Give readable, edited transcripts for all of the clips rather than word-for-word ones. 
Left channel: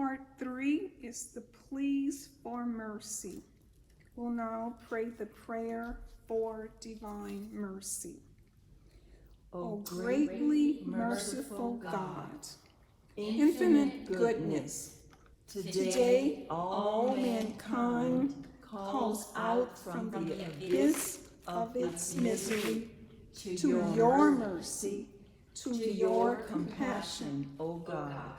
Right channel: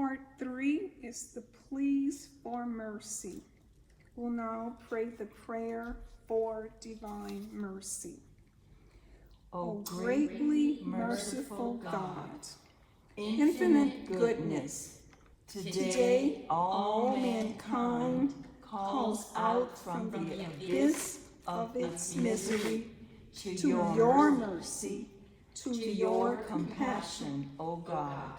Part 3 is the pleas for mercy. We'll now pray the prayer for divine mercy. O greatly merciful God, infinite goodness, today all mankind calls out from the abyss of its misery to your mercy, to your compassion, O God.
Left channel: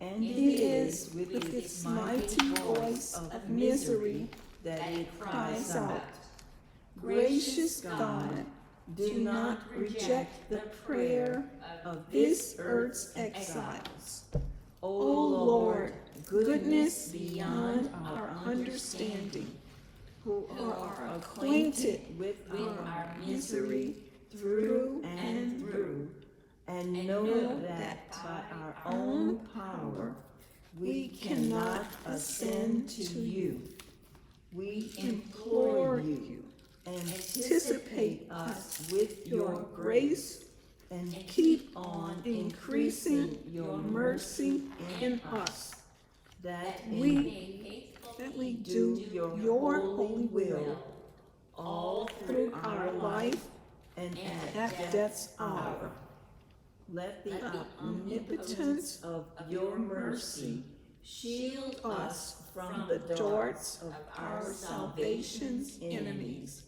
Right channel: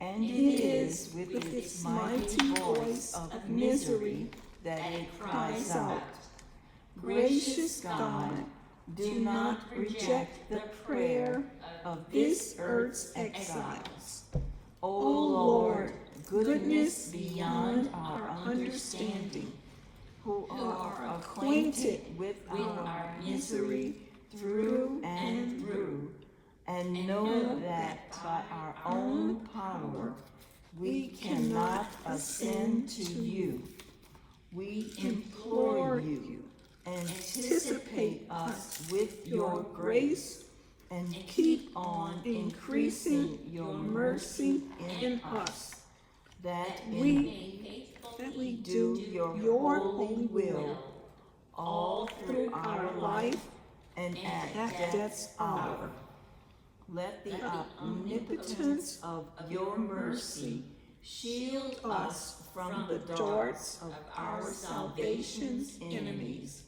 And it is with its mighty voice of misery that it cries out, Gracious God, do not reject the prayer of this earth's exiles. O Lord, goodness beyond our understanding, who are acquainted with our misery through and through, and know that by our own power we cannot ascend to you. We implore you, anticipate us with your grace, and keep on increasing your mercy in us, that we faithfully do your holy will all through our life and at death's hour. Let the omnipotence of your mercy shield us from the darts of our salvation's enemies,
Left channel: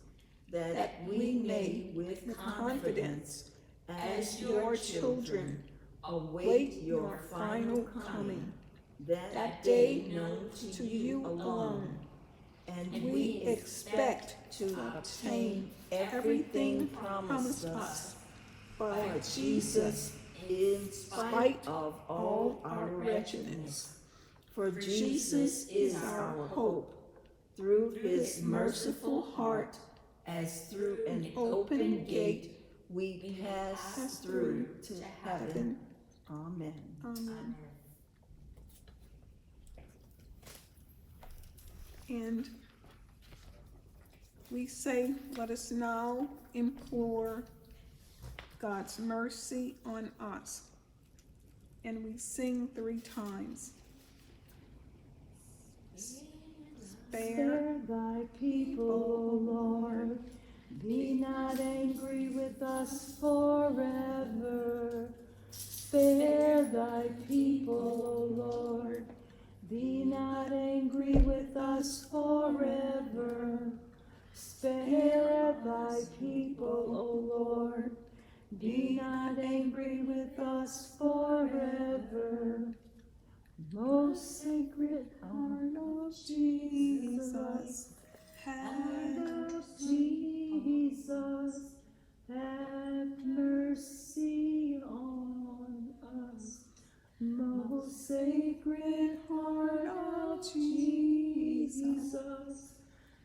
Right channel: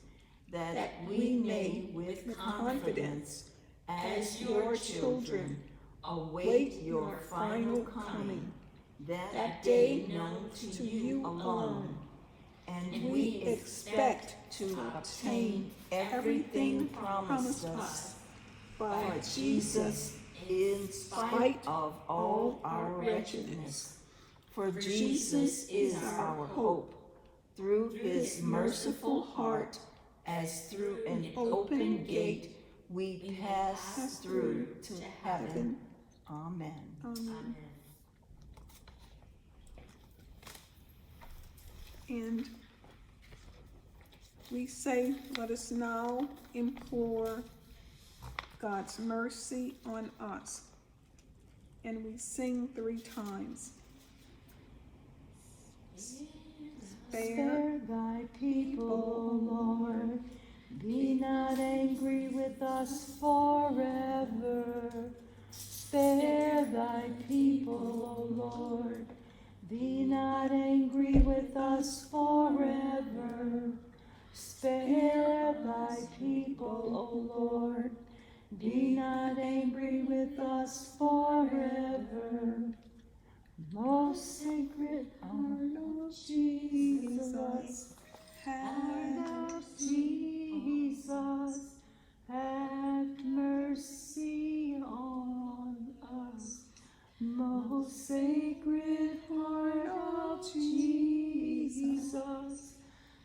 that we may with confidence, as your children, await your final coming, that day known to you alone. And we expect to obtain everything promised us by Jesus in spite of all our wretchedness. For Jesus is our hope, through his merciful heart, as through an open gate we pass through to heaven. Amen. Amen. And we say, let us now implore God's mercy on us. And we sing 3 times. Spare thy people, Lord. Be not angry with us forever. Spare thy people, Lord. Be not angry with us forever. Spare thy people, O Lord. Be not angry with us forever. Most sacred heart of Jesus, heart of Jesus, have mercy on us. Most sacred heart of Jesus,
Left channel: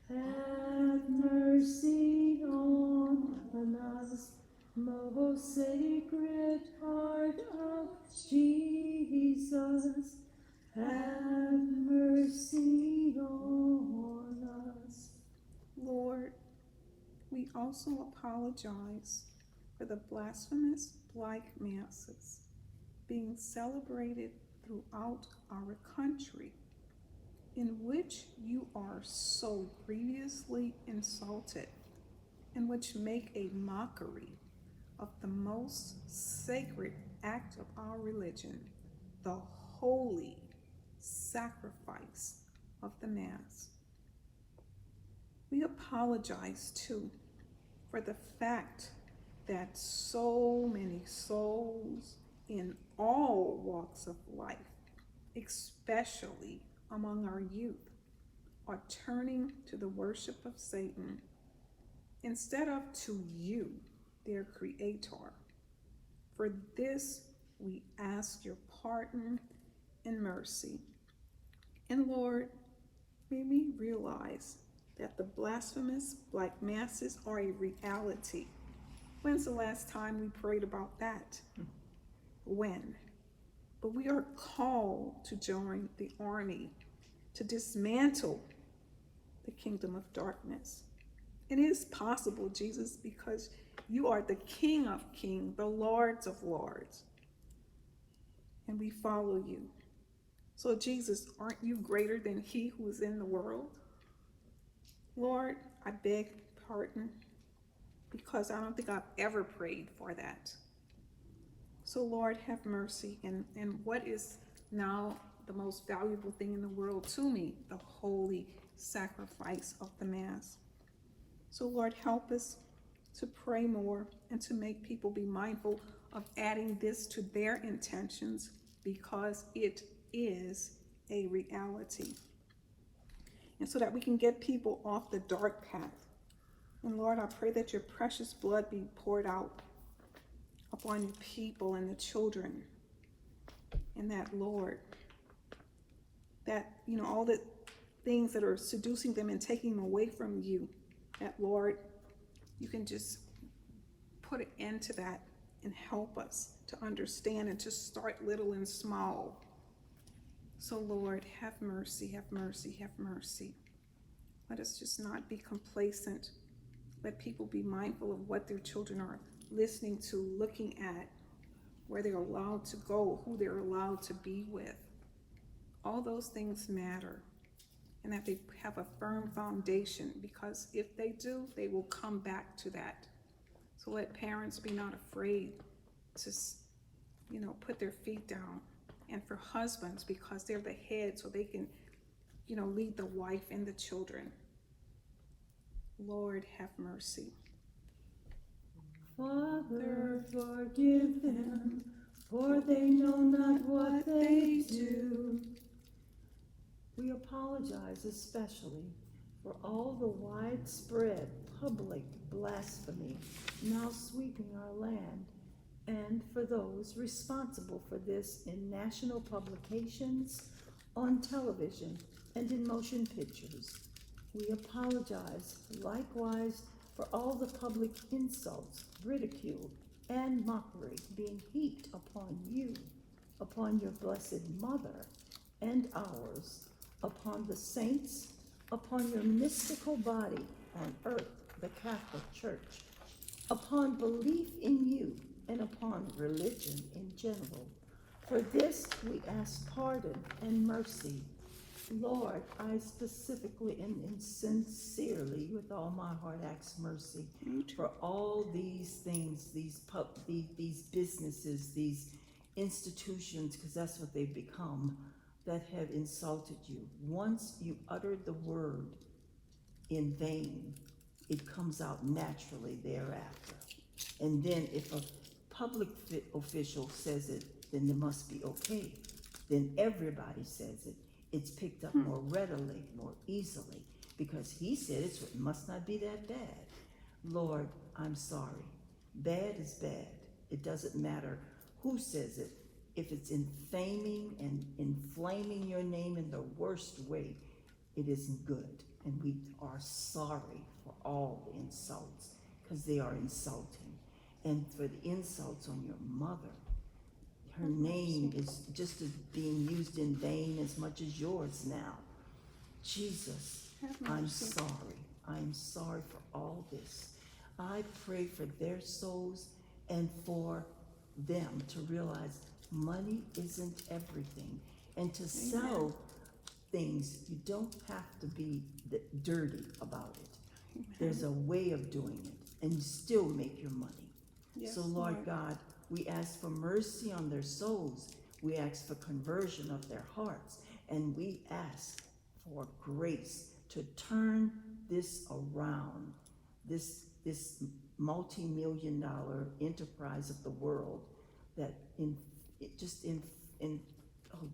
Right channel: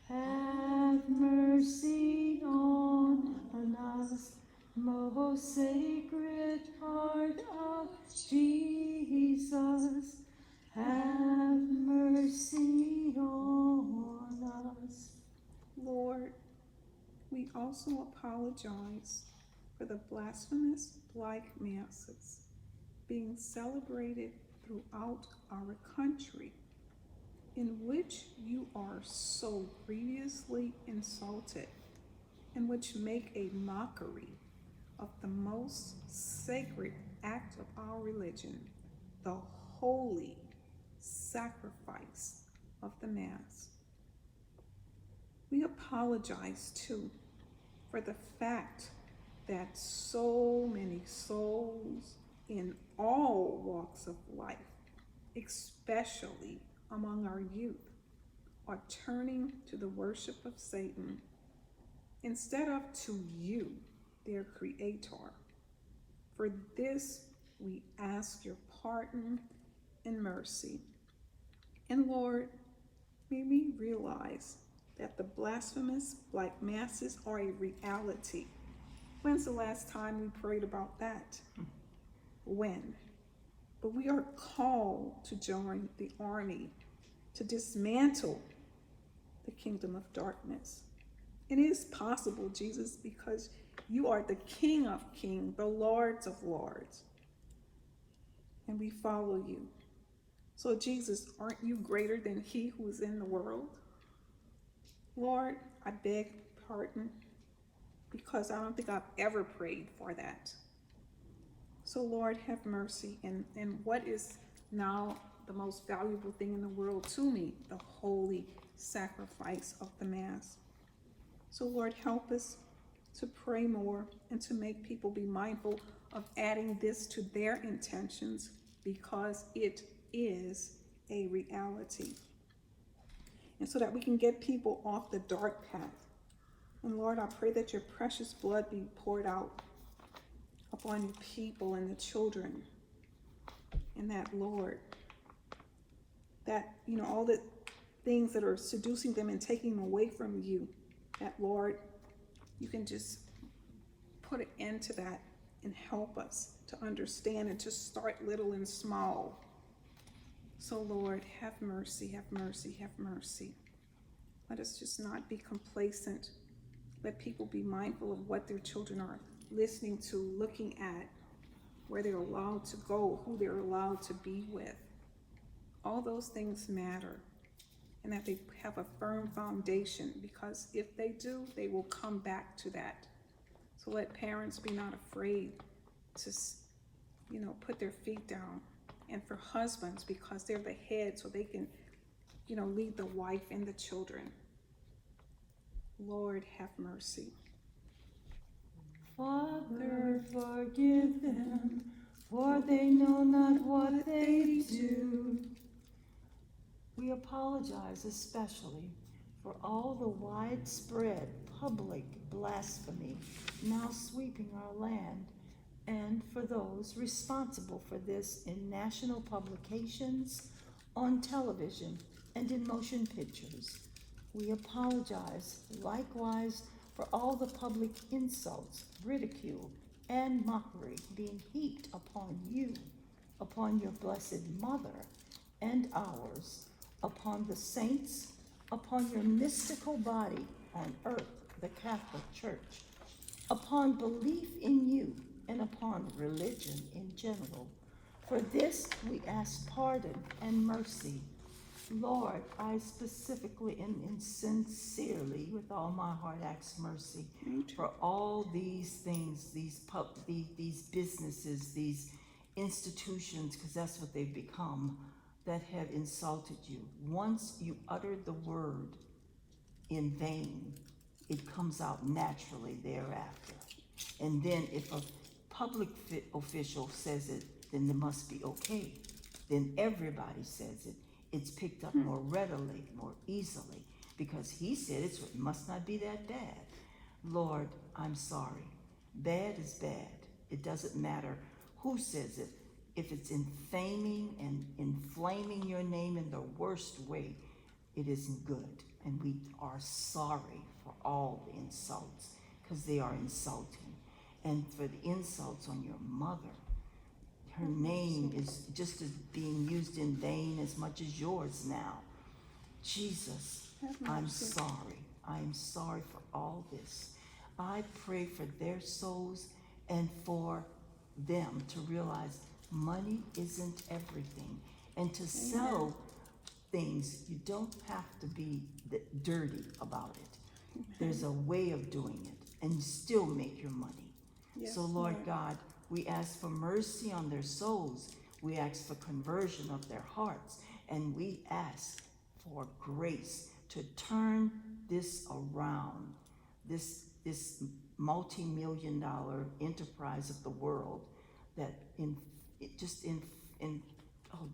have mercy on us. Most sacred heart of Jesus, have mercy on us. Lord, we also apologize for the blasphemous black masses being celebrated throughout our country, in which you are so grievously insulted, and which make a mockery of the most sacred act of our religion, the holy sacrifice of the Mass. We apologize too for the fact that so many souls in all walks of life, especially among our youth, are turning to the worship of Satan instead of to you, their Creator. For this we ask your pardon and mercy. And Lord, may we realize that the blasphemous black masses are a reality. When's the last time we prayed about that? When? But we are called to join the army to dismantle the kingdom of darkness. It is possible, Jesus, because you are the King of kings, the Lords of lords. And we follow you. So, Jesus, aren't you greater than he who is in the world? Lord, I beg pardon because I don't think I've ever prayed for that. So, Lord, have mercy. And what is now the most valuable thing in the world to me? The holy sacrifice of the Mass. So, Lord, help us to pray more and to make people be mindful of adding this to their intentions because it is a reality. And so that we can get people off the dark path. And Lord, I pray that your precious blood be poured out upon your people and the children. And that, Lord, that, all the things that are seducing them and taking them away from you, that, Lord, you can just put an end to that and help us to understand and to start little and small. So, Lord, have mercy, have mercy, have mercy. Let us just not be complacent. Let people be mindful of what their children are listening to, looking at, where they're allowed to go, who they're allowed to be with. All those things matter, and that they have a firm foundation, because if they do, they will come back to that. So let parents be not afraid to, put their feet down. And for husbands, because they're the head, so they can, lead the wife and the children. Lord, have mercy. Father, forgive them, for they know not what they do. We apologize especially for all the widespread public blasphemy now sweeping our land, and for those responsible for this in national publications, on television, and in motion pictures. We apologize likewise for all the public insults, ridicule, and mockery being heaped upon you, upon your blessed Mother, and ours, upon the saints, upon your mystical body on earth, the Catholic Church, upon belief in you, and upon religion in general. For this we ask pardon and mercy. Lord, I specifically and sincerely, with all my heart, ask mercy for all these things, these businesses, these institutions, because that's what they've become, that have insulted you. Once you utter the word in vain, it comes out naturally thereafter. And then if a public official says it, then it must be okay. Then everybody says it. It's picked up more readily, more easily, because he said it must not be that bad. Lord, I'm sorry. Bad is bad. It doesn't matter who says it. If it's infaming and inflaming your name in the worst way, it isn't good. And we are sorry for all the insults, because they are insulting. And for the insults on your mother, her name is just as being used in vain as much as yours now. Jesus, I'm sorry. I'm sorry for all this. I pray for their souls and for them to realize money isn't everything. And to sell things, you don't have to be dirty about it. There's a way of doing it, and you still make your money. Yes, so Lord God, we ask for mercy on their souls. We ask for conversion of their hearts. And we ask for grace to turn this around, this multi-million-dollar enterprise of the world that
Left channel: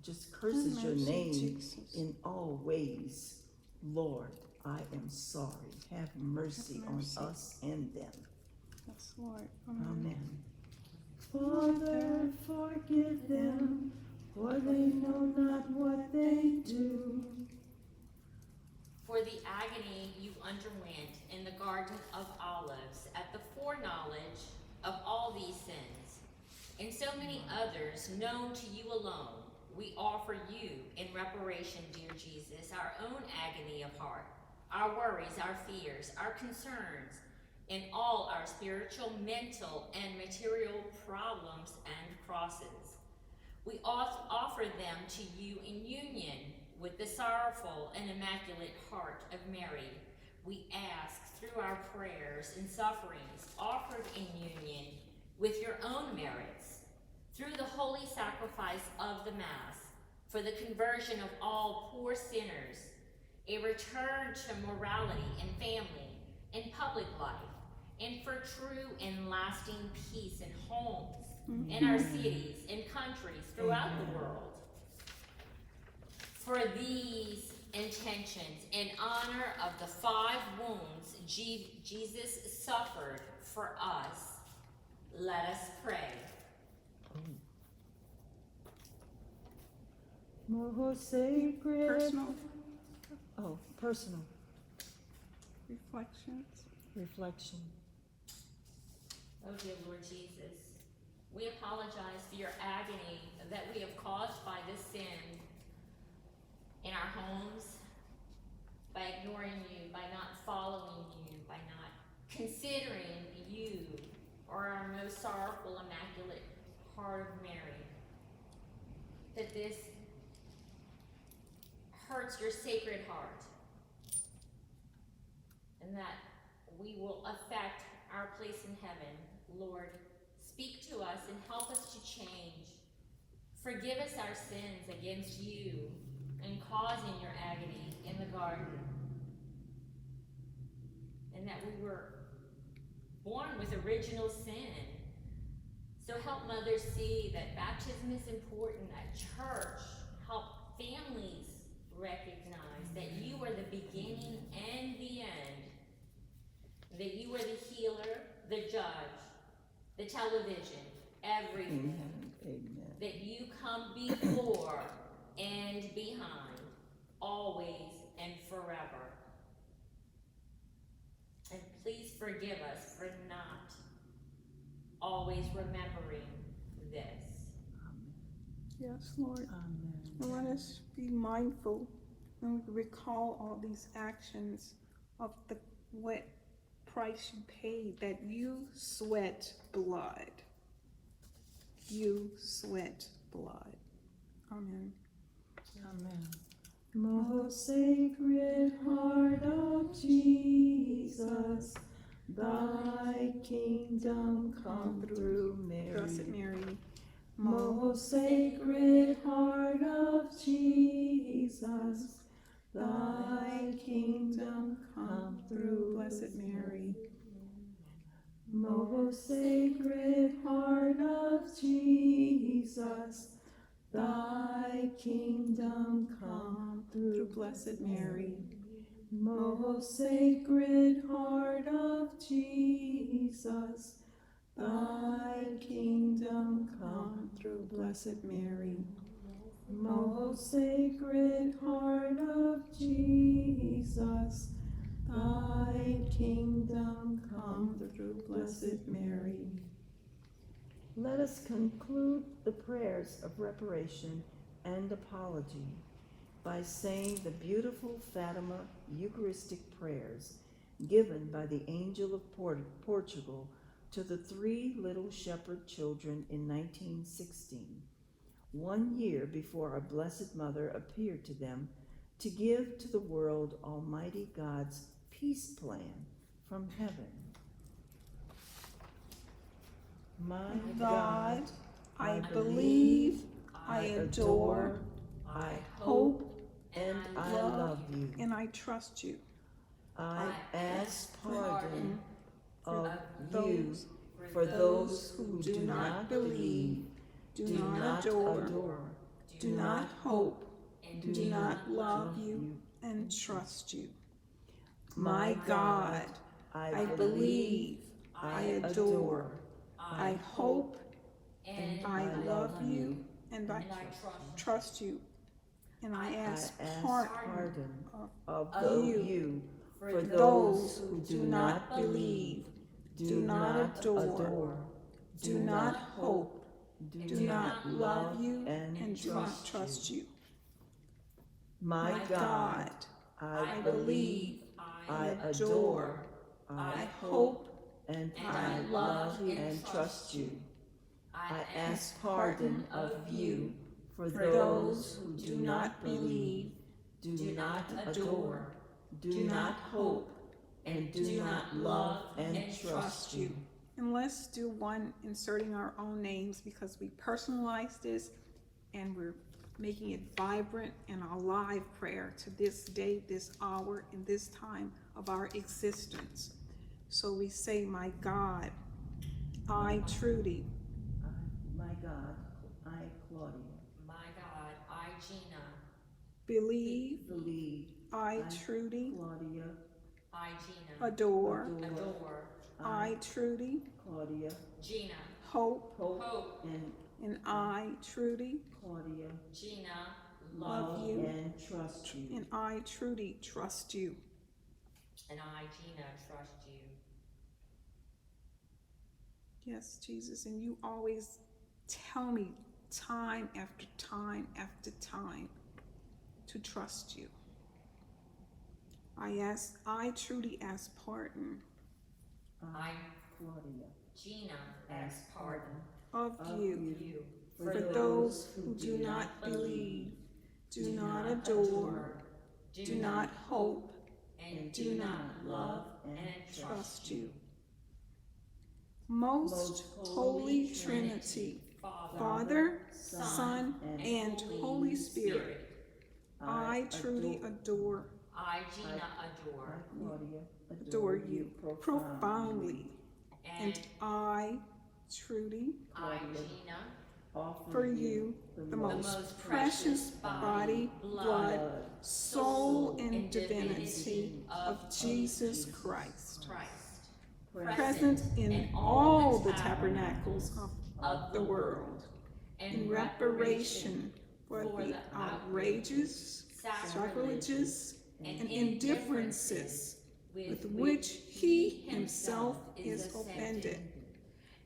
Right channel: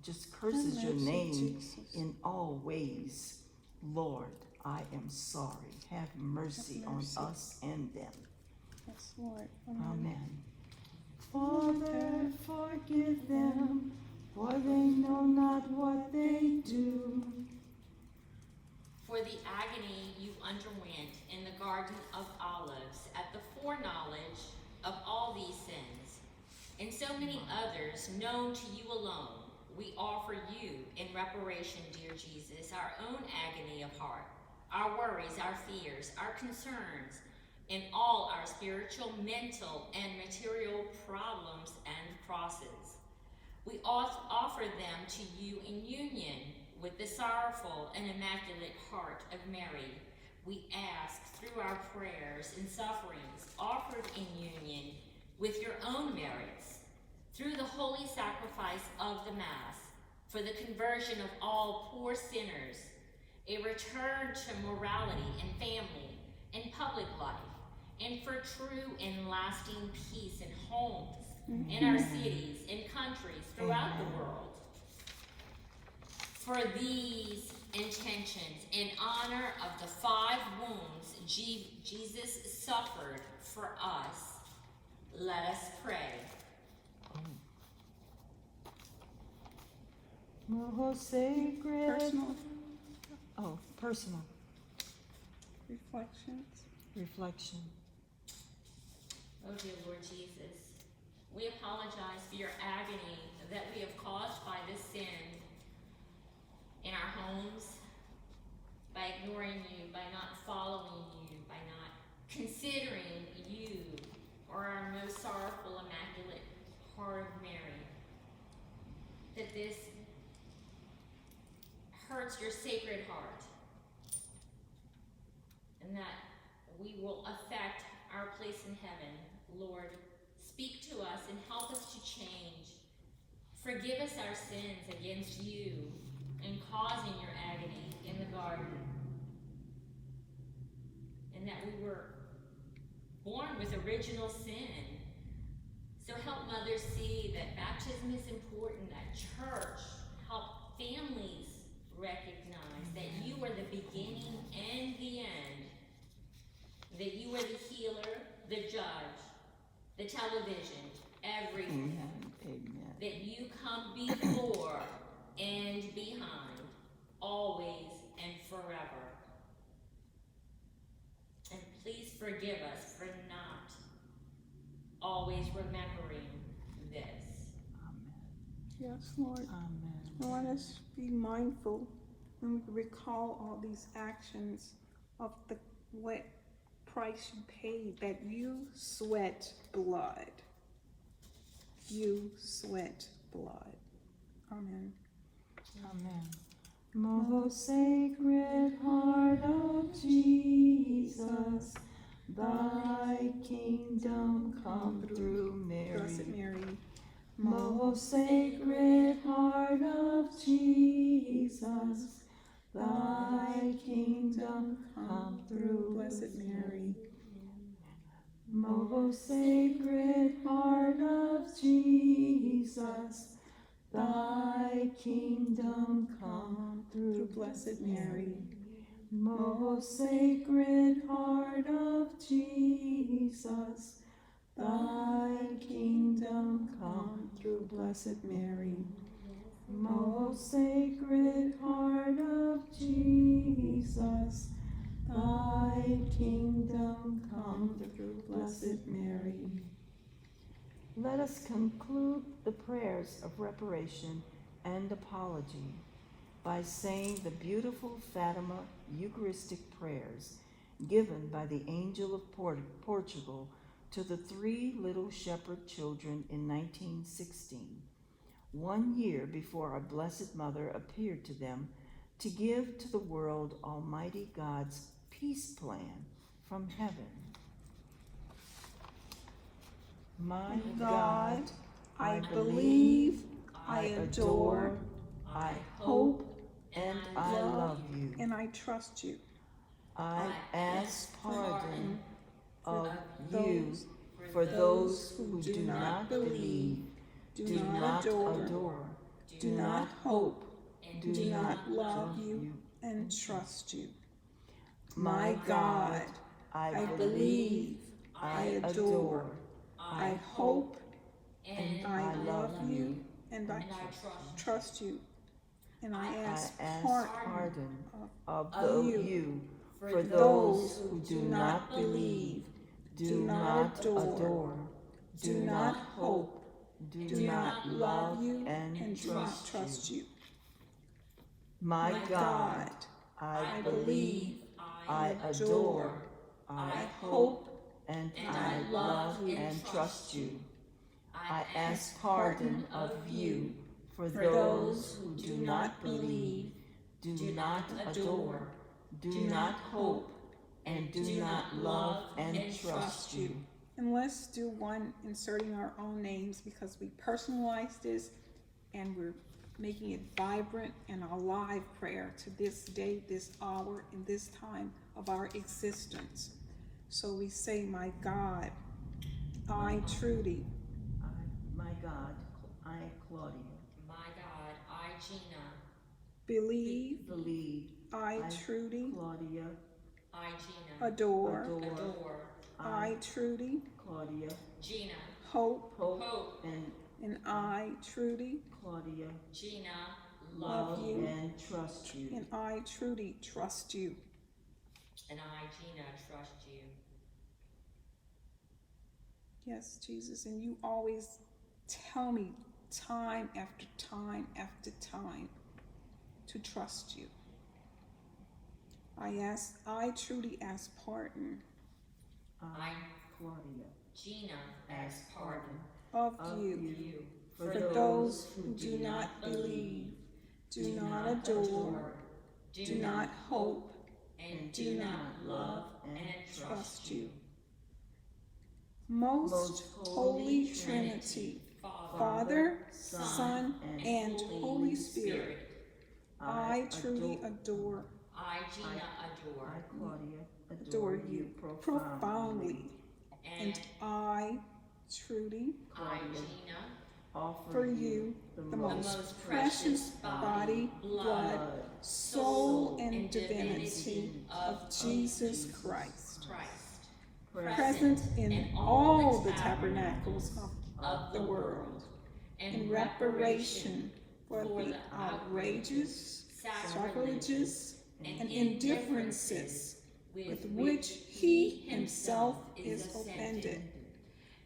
just curses your name Jesus. in all ways. Lord, I am sorry. Have mercy on us and them. Yes, Lord. Amen. Father, forgive them, for they know not what they do. For the agony you underwent in the Garden of Olives at the foreknowledge of all these sins, and so many others known to you alone, we offer you in reparation, dear Jesus, our own agony of heart, our worries, our fears, our concerns, in all our spiritual, mental, and material problems and crosses. We offer them to you in union with the sorrowful and immaculate heart of Mary. We ask through our prayers and sufferings offered in union with your own merits, through the holy sacrifice of the Mass, for the conversion of all poor sinners, a return to morality and family and public life, and for true and lasting peace in homes, in our cities and countries throughout the world. For these intentions, in honor of the 5 wounds Jesus suffered for us, let us pray. Most sacred. Personal Oh, personal reflections. reflection. Oh dear Lord Jesus, we apologize for your agony that we have caused by this sin in our homes, by ignoring you, by not following you, by not considering you or our most sorrowful, immaculate heart of Mary. That this hurts your sacred heart, and that we will affect our place in heaven. Lord, speak to us and help us to change. Forgive us our sins against you and causing your agony in the garden, and that we were born with original sin. So help mothers see that baptism is important, that church, help families recognize that you are the beginning and the end, that you are the healer, the judge, the television, everything. Amen. That you come before and behind, always and forever. And please forgive us for not always remembering this. Yes, Lord. Amen. Let us be mindful and recall all these actions of what price you paid, that you sweat blood. You sweat blood. Amen. Amen. Most sacred heart of Jesus, thy kingdom come through Mary. Blessed Mary. Most sacred heart of Jesus, thy kingdom come through. Blessed Mary. Most sacred heart of Jesus, thy kingdom come through. Blessed Mary. Most sacred heart of Jesus, thy kingdom come through. Blessed Mary. Most sacred heart of Jesus, thy kingdom come through. Blessed Mary. Let us conclude the prayers of reparation and apology by saying the beautiful Fatima Eucharistic prayers given by the Angel of Portugal to the 3 little shepherd children in 1916, 1 year before our Blessed Mother appeared to them to give to the world Almighty God's peace plan from heaven. My God, I believe, I adore, I hope, and I love you. and I trust you. I ask pardon of those you for those who do not believe, do not adore, do not hope, do not love you, and trust you. My God, I believe, I adore, I hope, and I love you, and I trust you. And I ask pardon of you you for those who do not believe, do not adore, do not hope, do not love you, and do not trust you. My God, I believe, I adore, I hope, and I love you, and trust you. I ask pardon of you for those who do not believe, do not adore, do not hope, and do not love and trust you. And let's do one inserting our own names because we personalize this and we're making it vibrant and a live prayer to this day, this hour, and this time of our existence. So we say, my God, I, Trudy, My God, I, Claudia, My God, I, Gina, believe, I, Trudy, Claudia, I, Gina, adore, adore, I, Trudy, Claudia, Gina, hope, hope, and I, Trudy, Claudia, Gina, love love you, and trust you. and I, Trudy, trust you. and I, Gina, trust you. Yes, Jesus, and you always tell me time after time after time to trust you. I truly ask pardon I, Claudia, Gina, ask pardon of you for those who do not believe, do not adore, do not hope, and do not love and trust you. Most Holy Trinity, Father, Son, and Holy Spirit, I truly adore, I, Gina, adore, Claudia, you profoundly, and I truly I, Gina, for you the most precious body, blood, soul, and divinity of Jesus Christ, present in all the tabernacles of the world, in reparation for the outrages, sacrileges, and indifferences with which he himself is offended,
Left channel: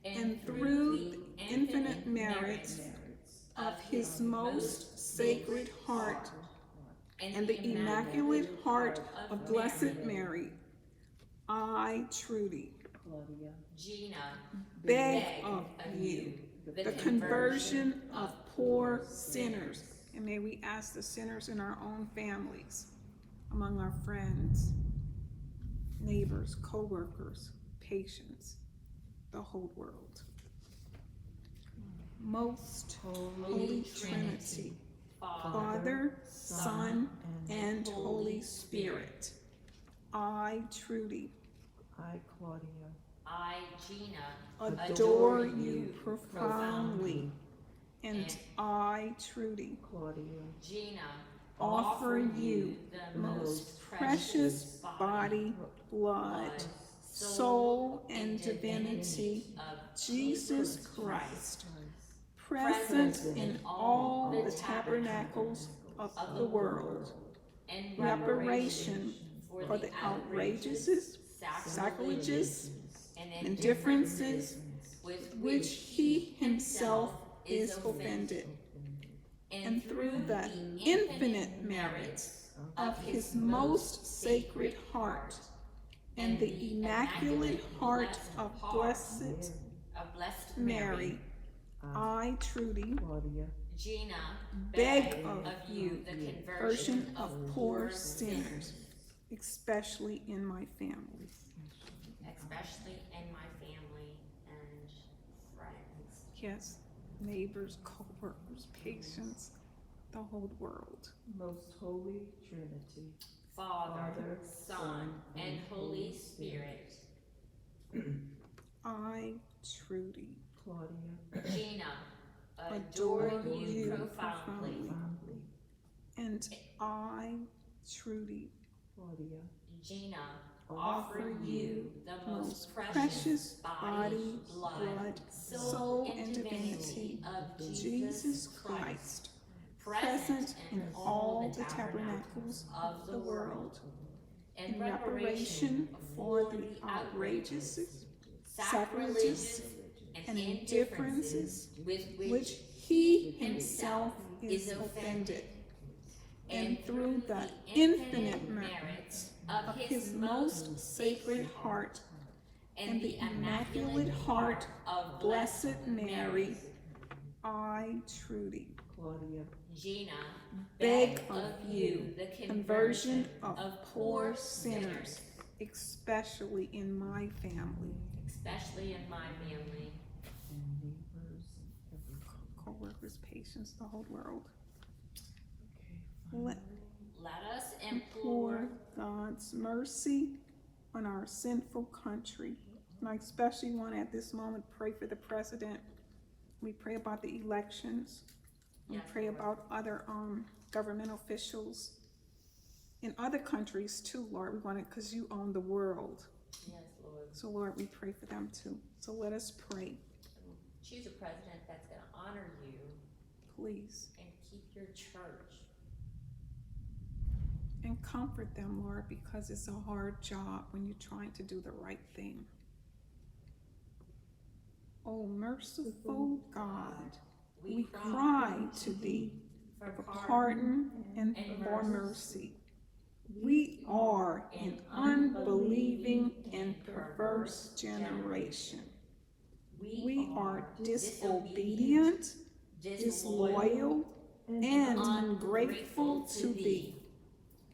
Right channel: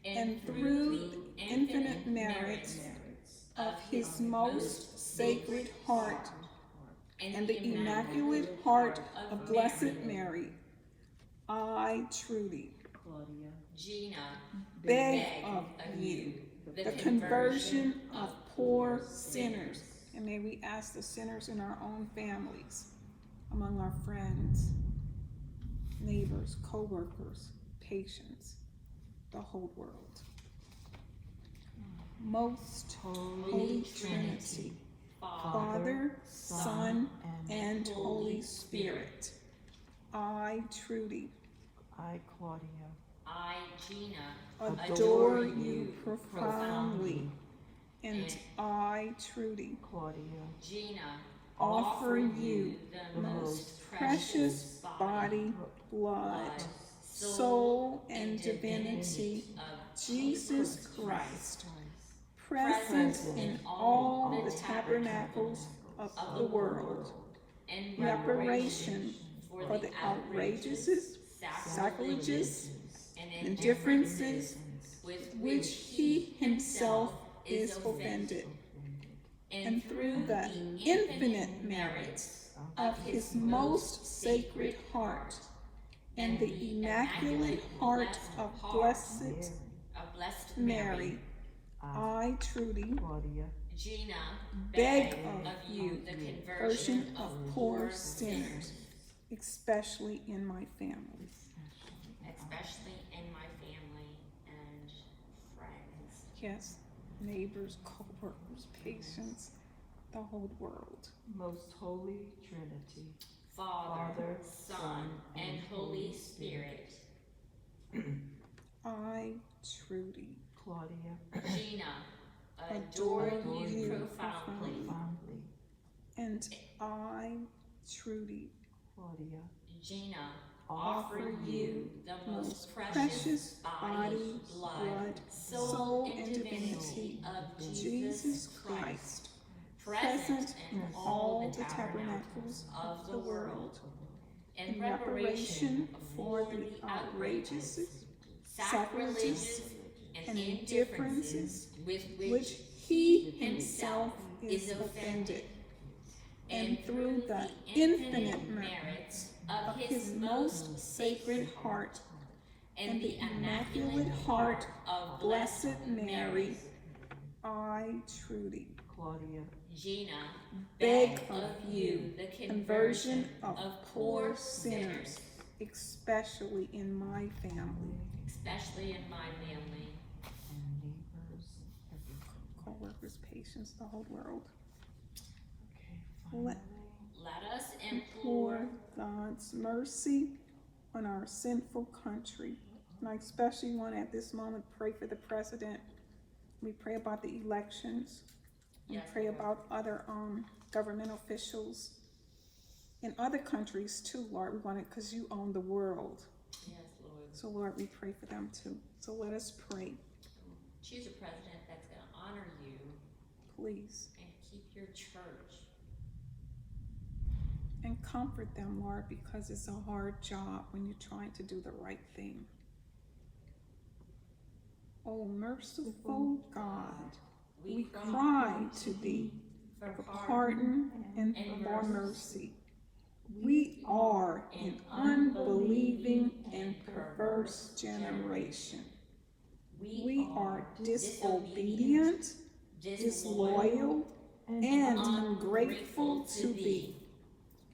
and through the infinite merits of his most sacred heart and the immaculate heart of Blessed Mary, I truly Claudia, Gina, beg of you the conversion of poor sinners. And may we ask the sinners in our own families, among our friends, neighbors, co-workers, patients, the whole world. Most Holy Trinity, Father, Son, and Holy Spirit, I truly I, Claudia, I, Gina, adore you profoundly, and I truly Claudia, Gina, offer you the most precious body, blood, soul, and divinity of Jesus Christ, present in all the tabernacles of the world, and reparation for the outrages, sacrileges, and indifferences with which he himself is offended, and through the infinite merits of his most sacred heart and the immaculate heart of Blessed Mary, I truly Claudia, Gina, beg of you the the conversion conversion of poor sinners, especially in my family. especially in my family and friends. Yes, neighbors, co-workers, patients, the whole world. Most Holy Trinity, Father, Son, and Holy Spirit. I truly Claudia, Gina, adore adore you you profoundly. profoundly, and I truly Claudia, Gina, offer offer you the most precious precious body, blood, soul, and divinity of Jesus Christ, present in all the tabernacles of the world, in reparation for the outrages, sacrileges, and indifferences with which he himself is offended, and through the infinite merits of his most sacred heart and the immaculate heart of Blessed Mary, I, Trudy, Claudia, Gina, beg of you the conversion of poor poor sinners, especially in my family, especially in my family, and neighbors, and everyone. co-workers, patients, the whole world. Okay, Let- finally. Let us Implore implore God's mercy on our sinful country. And I especially want at this moment pray for the president. We pray about the elections. We Yes, pray Lord. about other government officials in other countries too, Lord. We want it because you own the world. Yes, Lord. So Lord, we pray for them too. So let us pray, Choose a president that's going to honor you please. and keep your church. And comfort them, Lord, because it's a hard job when you're trying to do the right thing. Oh, merciful God, we cry to thee for pardon and for mercy. We are an unbelieving and perverse generation. We are disobedient, disloyal, and ungrateful to thee.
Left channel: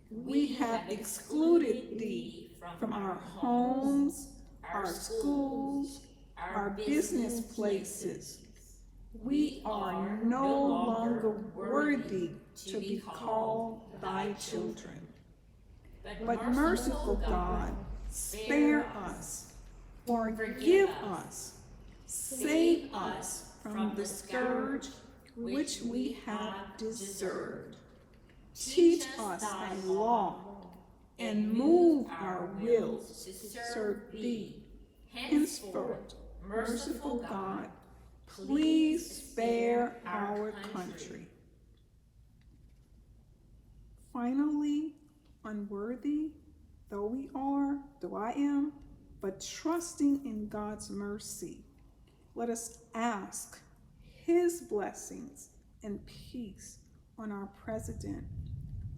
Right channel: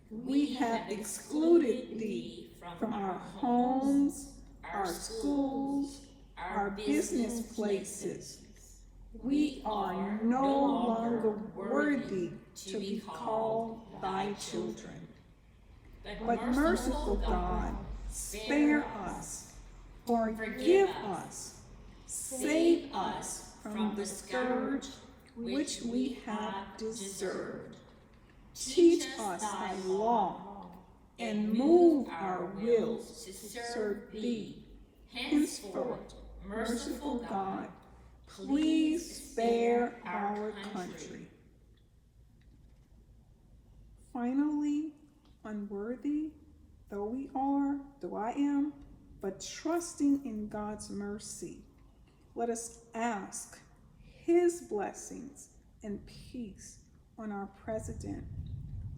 We have excluded thee from our homes, our schools, our business places. We are no longer worthy to be called thy children. But merciful God, spare us, forgive us, save us from the scourge which we have deserved. Teach us thy law, and move our wills to serve thee. Henceforth, merciful God, please spare our country. Finally, unworthy though I am, but trusting in God's mercy, let us ask his blessings and peace on our president,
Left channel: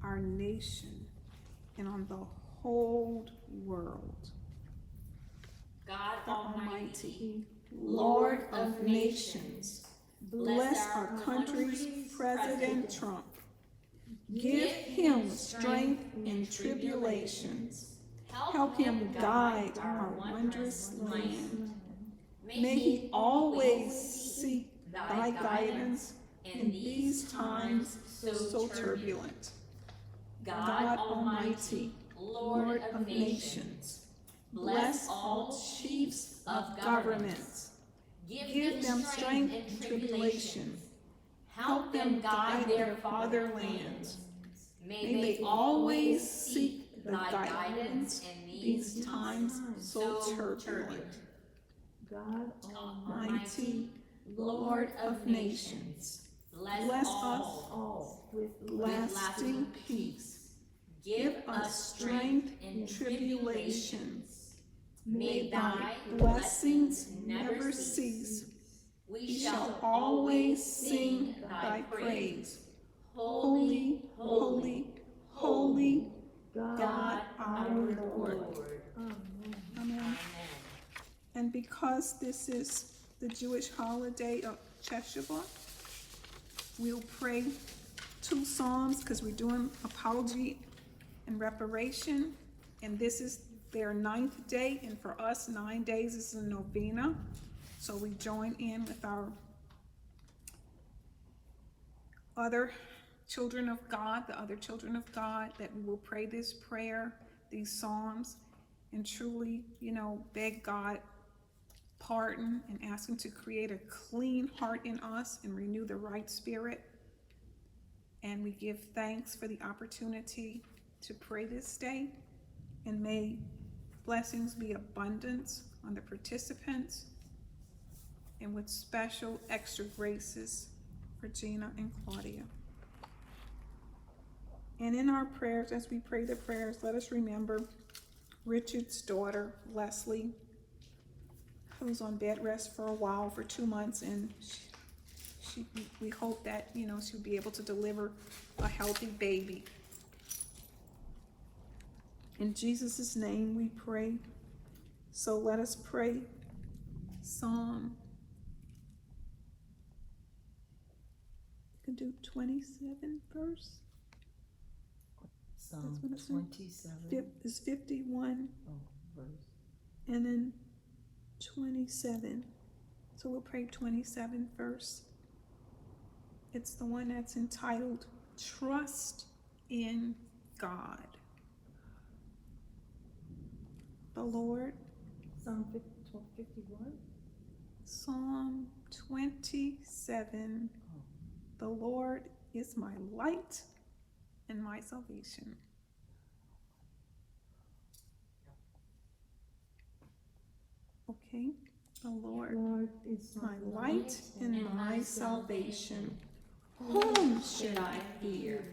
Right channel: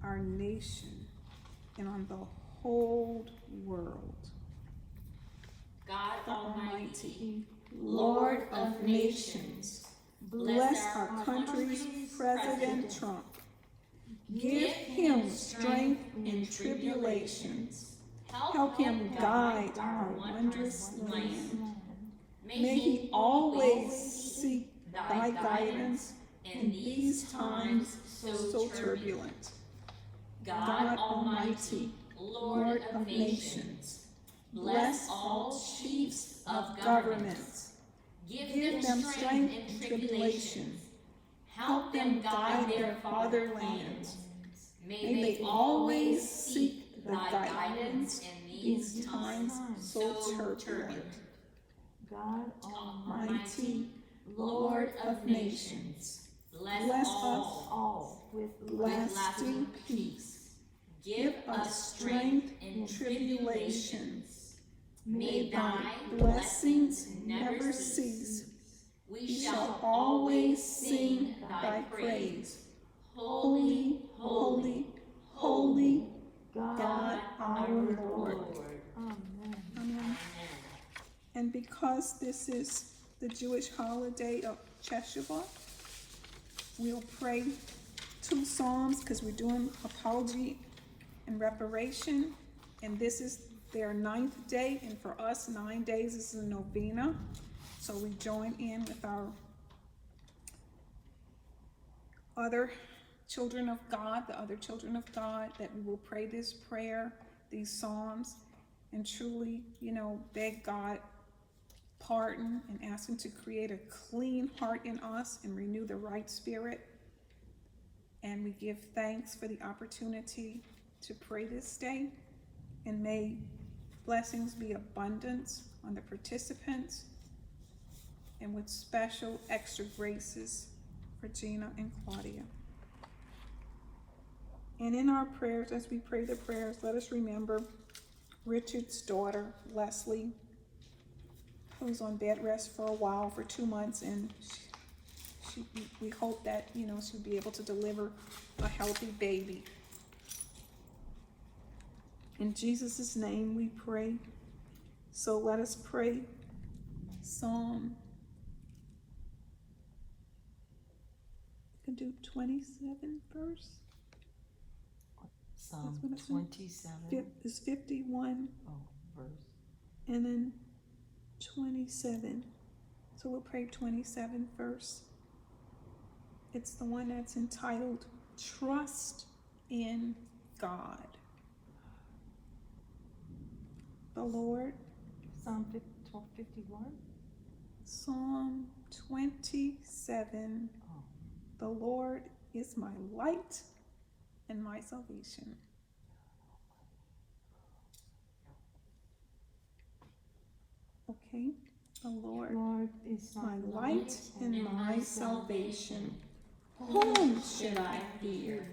our nation, and on the whole world. God The Almighty, Lord of nations, bless our country's President Trump. Give him strength in tribulations. Help him guide our wondrous land. May he always seek thy guidance in these times so turbulent. God Almighty, Lord of nations, bless all chiefs of governments. Give them strength in tribulations. Help them guide their fatherland. May they always seek the guidance in these times so turbulent. God Almighty, Lord of nations, bless us all with lasting peace. Give us strength in tribulations. May thy blessings never cease. We shall always sing thy praise. Holy, holy, holy, God our Lord. Amen. Amen. And because this is the Jewish holiday of Teshuvah, we'll pray 2 Psalms because we're doing apology and reparation. And this is their 9th day, and for us, 9 days is a novena. So we join in with our other children of God, the other children of God, that we will pray this prayer, these Psalms, and truly, beg God pardon and ask him to create a clean heart in us and renew the right spirit. And we give thanks for the opportunity to pray this day, and may blessings be abundant on the participants, and with special extra graces for Gina and Claudia. And in our prayers, as we pray the prayers, let us remember Richard's daughter, Leslie, who's on bed rest for a while, for 2 months, and we hope that, she'll be able to deliver a healthy baby. In Jesus' name we pray. So let us pray Psalm could do 27 first. Psalm what it said. 27. It's 51 Oh, verse. and then 27. So we'll pray 27 first. It's the one that's entitled Trust in God. The Lord, Psalm 51. Psalm 27. Oh. The Lord is my light and my salvation. Okay, the Lord, Lord is my light and my salvation. Whom should I fear?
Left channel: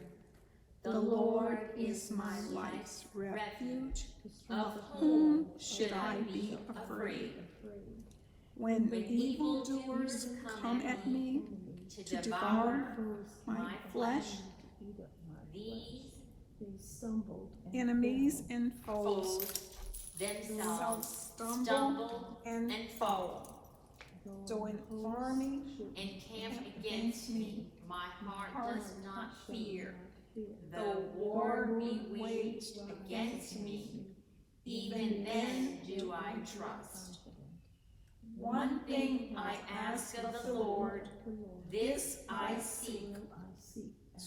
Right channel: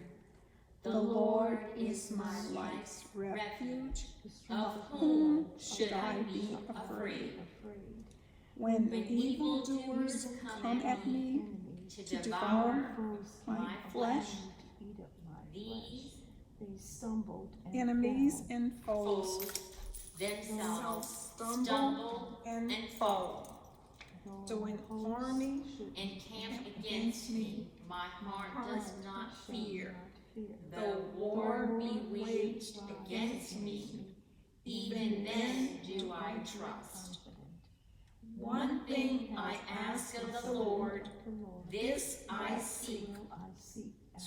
The Lord is my life's refuge. Of whom should I be afraid? When evildoers come at me to devour my flesh, These stumbled enemies and foes foes themselves stumble and fall. So an army Encamp against me, my heart does not fear. Though war be waged against me, even then do I trust. One thing I ask of the Lord, this I seek,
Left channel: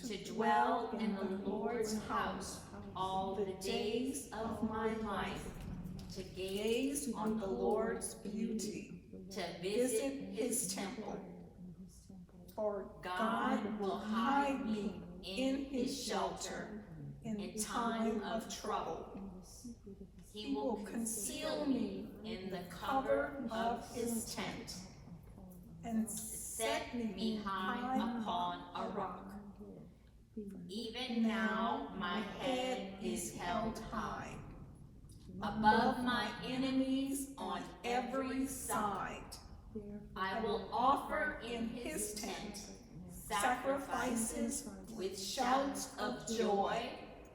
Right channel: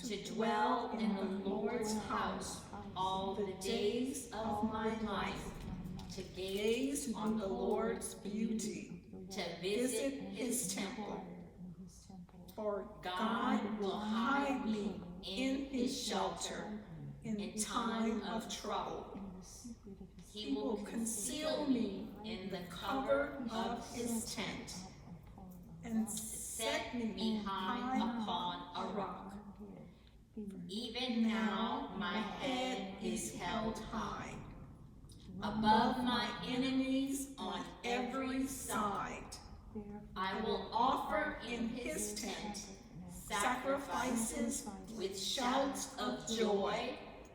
to dwell in the Lord's house all the days of my life, to gaze on the Lord's beauty, to visit his temple. For God will hide me in his shelter in time of trouble. He will conceal me in the cover of his tent and set me high upon a rock. Even now my head is held high above my enemies on every side. I will offer in his tent sacrifices with shouts of joy.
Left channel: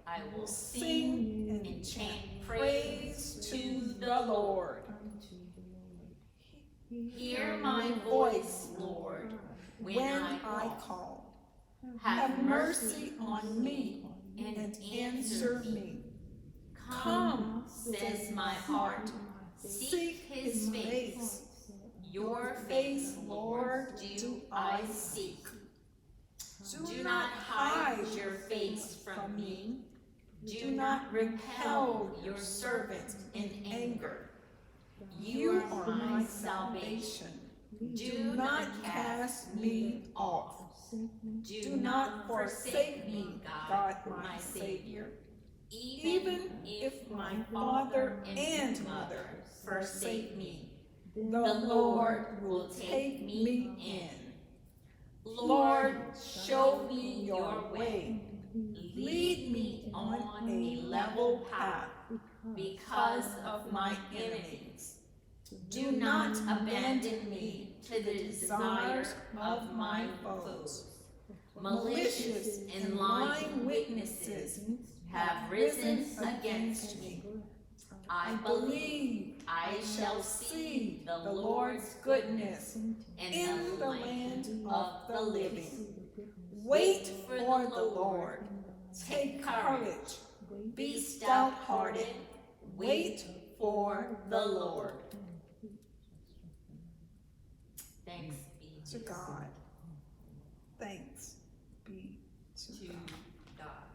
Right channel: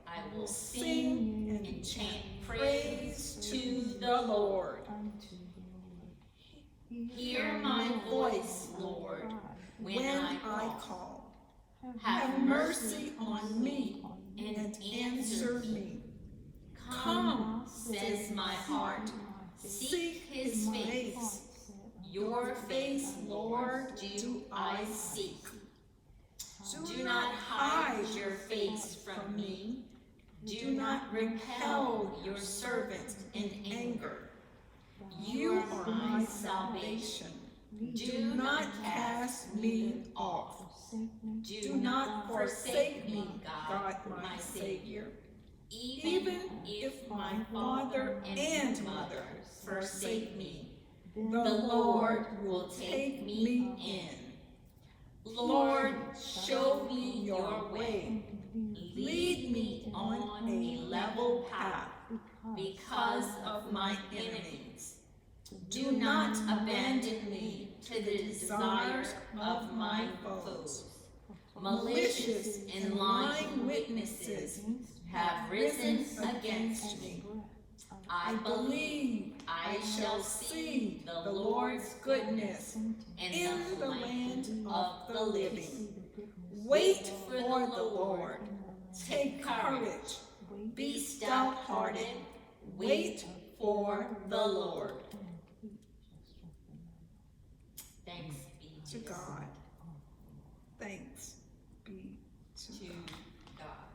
I will sing and chant praise to the Lord. Hear my voice, Lord, when I call. Have mercy on me and answer me. Come, says my heart, seek his face. Your face, Lord, do I seek. Do not hide your face from me. Do not repel your servant in anger. You are my salvation. Do not cast me off. Do not forsake me, God, my Savior. Even if my father and mother forsake me, the Lord will take me in. Lord, show me your way. Lead me on a level path because of my enemies. Do not abandon me to the desires of my foes. Malicious and lying witnesses have risen against me. I believe I shall see the Lord's goodness in the land of the living. Wait for the Lord. Take courage. Be stout-hearted. Wait for the Lord. Thanks be to God. Thanks be to God.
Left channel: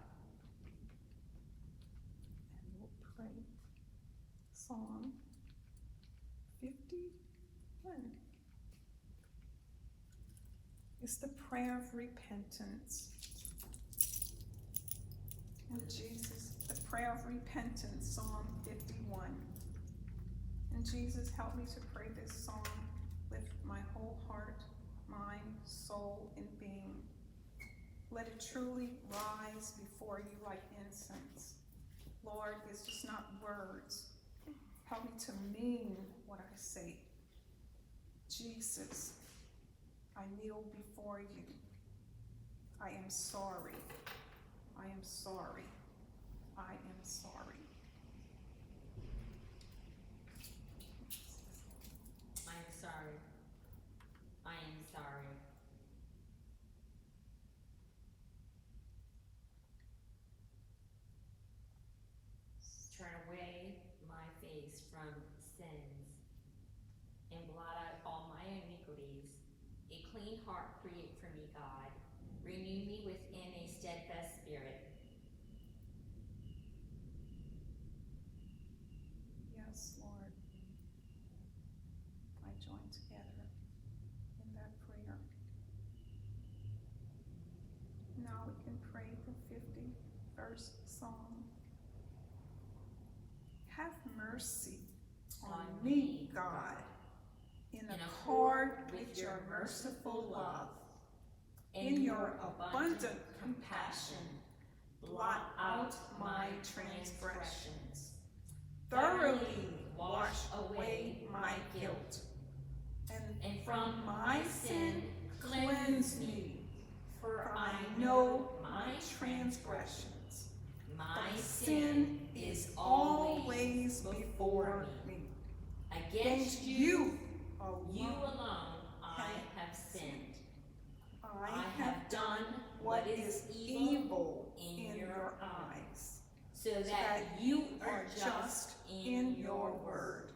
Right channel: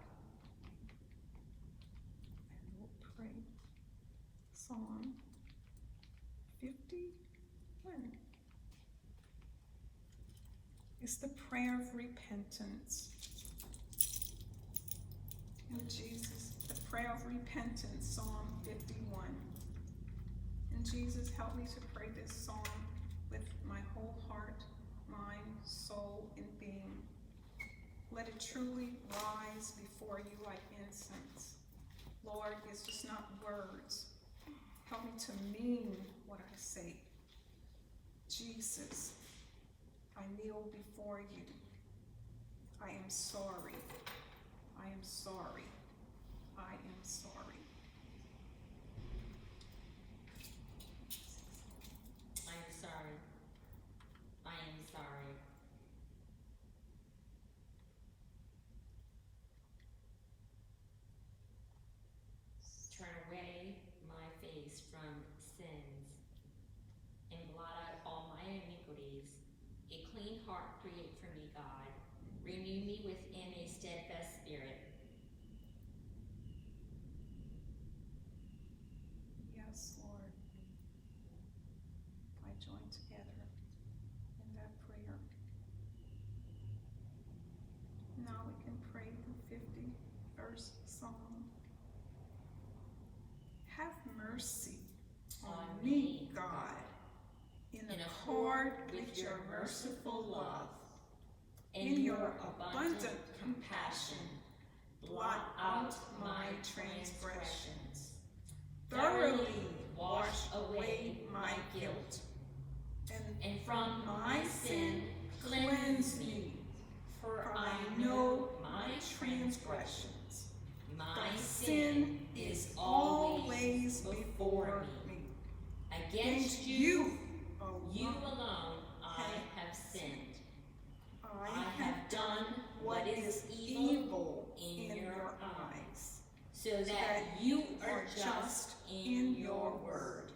And we'll pray Psalm 51. It's the prayer of repentance. And Jesus, the prayer of repentance, Psalm 51. And Jesus, help me to pray this psalm with my whole heart, mind, soul, and being. Let it truly rise before you like incense. Lord, it's just not words. Help me to mean what I say. Jesus, I kneel before you. I am sorry. I am sorry. I am sorry. I am sorry. I am sorry. Renew me within a steadfast spirit. Yes, Lord. I join together in that prayer. Now we can pray the 51st Psalm. Have mercy on me, God, in accord with your merciful love. In your abundant compassion, blot out my transgressions. Thoroughly wash away my guilt, and from my sin cleanse me, for I know my transgressions. My sin is always before me. Against you, You alone I have sinned. I have done what is evil in your eyes, so that you are just in your word,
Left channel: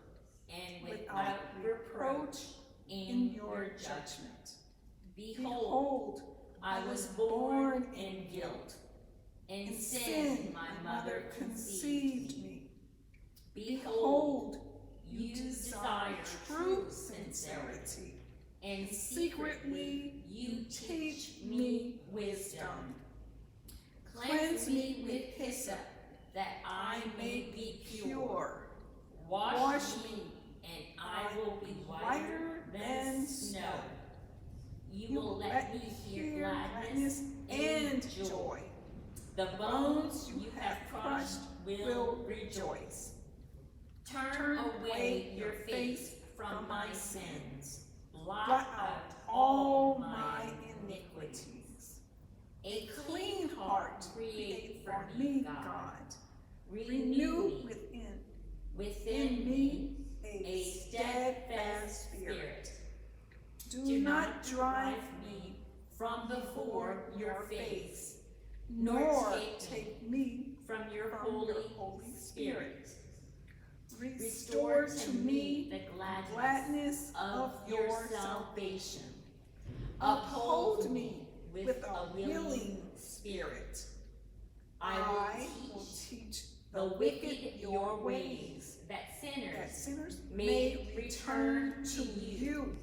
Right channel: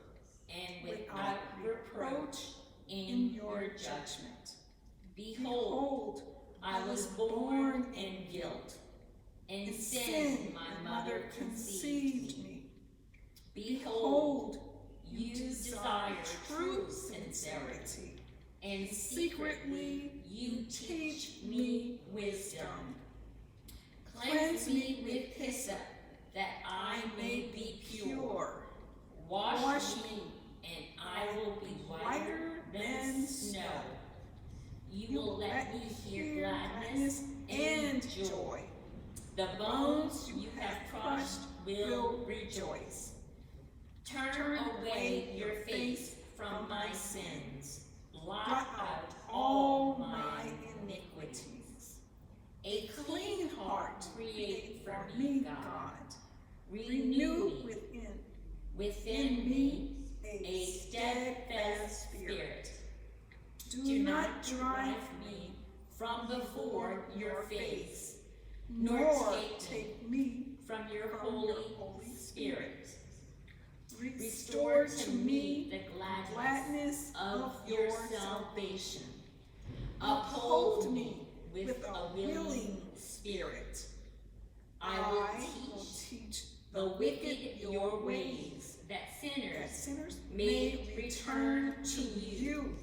and without reproach in your judgment. Behold, I was born in guilt. In sin my mother conceived me. Behold, you desire true sincerity, and secretly you teach me wisdom. Cleanse me with hyssop, that I may be pure. Wash me, and I will be whiter than snow. You will let me hear gladness and joy. The bones you have crushed will rejoice. Turn away your face from my sins. Blot out all my iniquities. A clean heart create for me, God. Renew within me a steadfast spirit. Do not drive me from before your face, nor take me from your Holy Spirit. Restore to me the gladness of your salvation. Uphold me with a willing spirit. I will teach the wicked your ways, that sinners may return to you.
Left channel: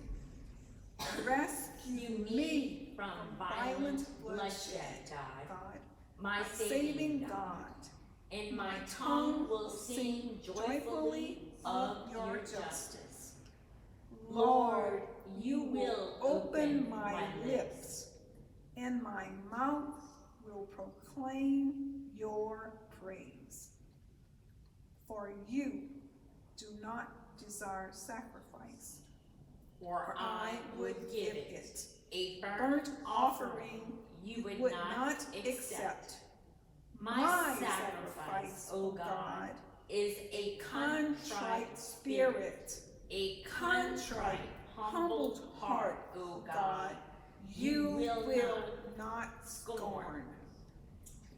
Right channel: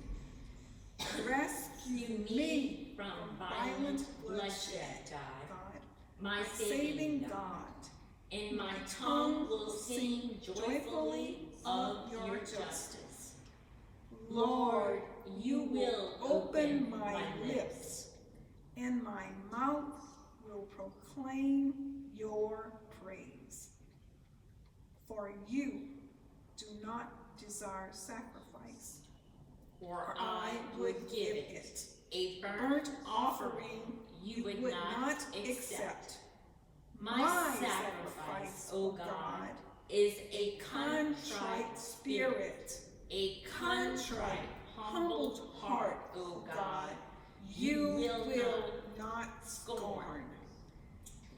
Rescue me from violent bloodshed, God, my saving God. And my tongue will sing joyfully of your justice. Lord, you will open my lips, and my mouth will proclaim your praise. For you do not desire sacrifice, or I would give it. A burnt offering you would not accept. My sacrifice, O God, is a contrite spirit, a contrite, humbled heart, O God, you will not scorn.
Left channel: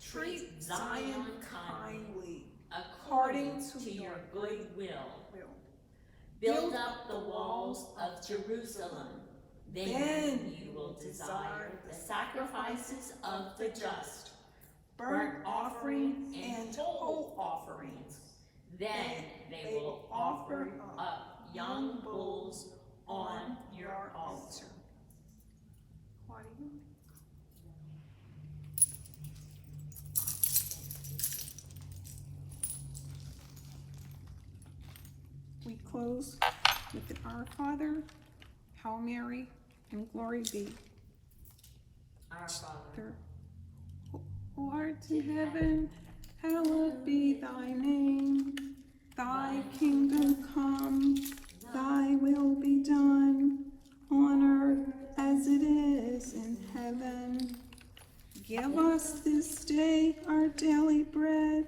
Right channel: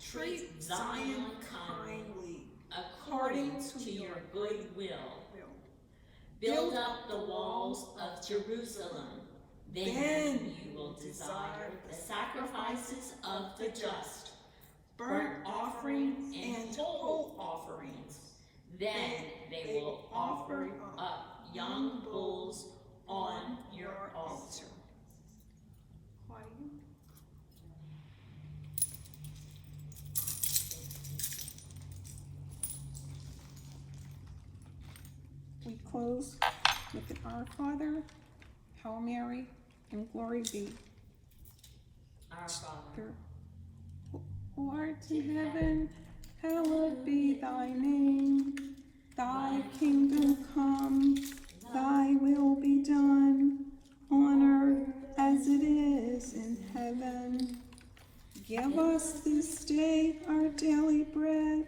Treat Zion kindly, according to your good will. Build up the walls of Jerusalem. Then you will desire the sacrifices of the just, burnt offerings and whole offerings. Then they will offer up young bulls on your altar. Why do you? We close with an Our Father, Hail Mary, and Glory be. Our Father, Who art in heaven, hallowed be thy name. Thy kingdom come, thy will be done, on earth as it is in heaven. Give us this day our daily bread,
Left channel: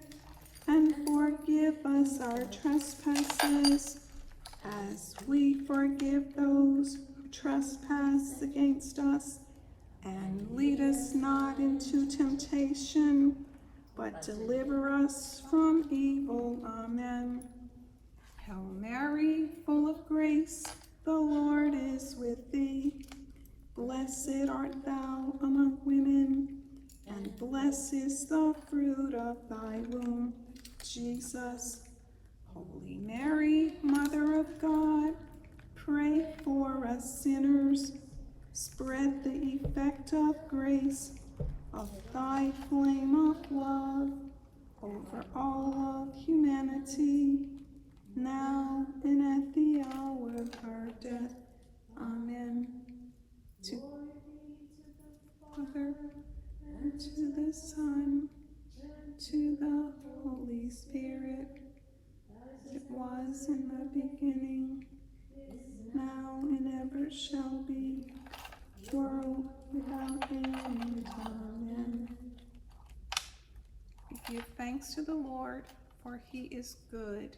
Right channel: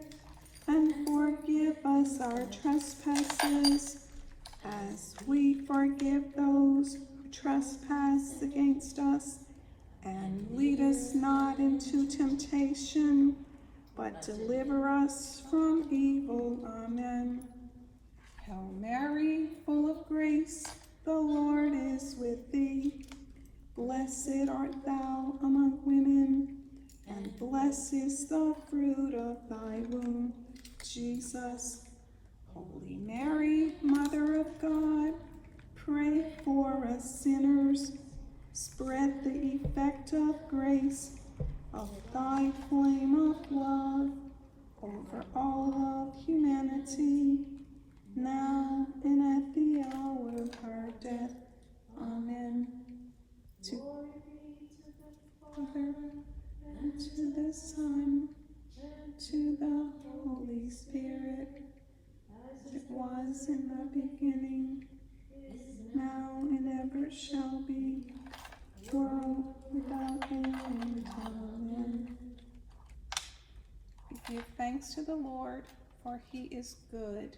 and forgive us our trespasses, as we forgive those who trespass against us. And lead us not into temptation, but deliver us from evil. Amen. Hail Mary, full of grace, the Lord is with thee. Blessed art thou among women, and blessed is the fruit of thy womb, Jesus. Holy Mary, Mother of God, pray for us sinners. Spread the effect of grace of thy flame of love over all of humanity, now and at the hour of our death. Amen. To Father, and to the Son, to the Holy Spirit, as it was in the beginning, now and ever shall be, world without end. Amen. We give thanks to the Lord, for he is good,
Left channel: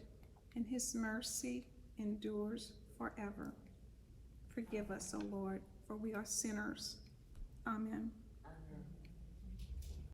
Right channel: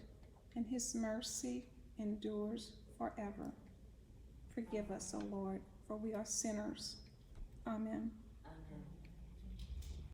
and his mercy endures forever. Forgive us, O Lord, for we are sinners. Amen.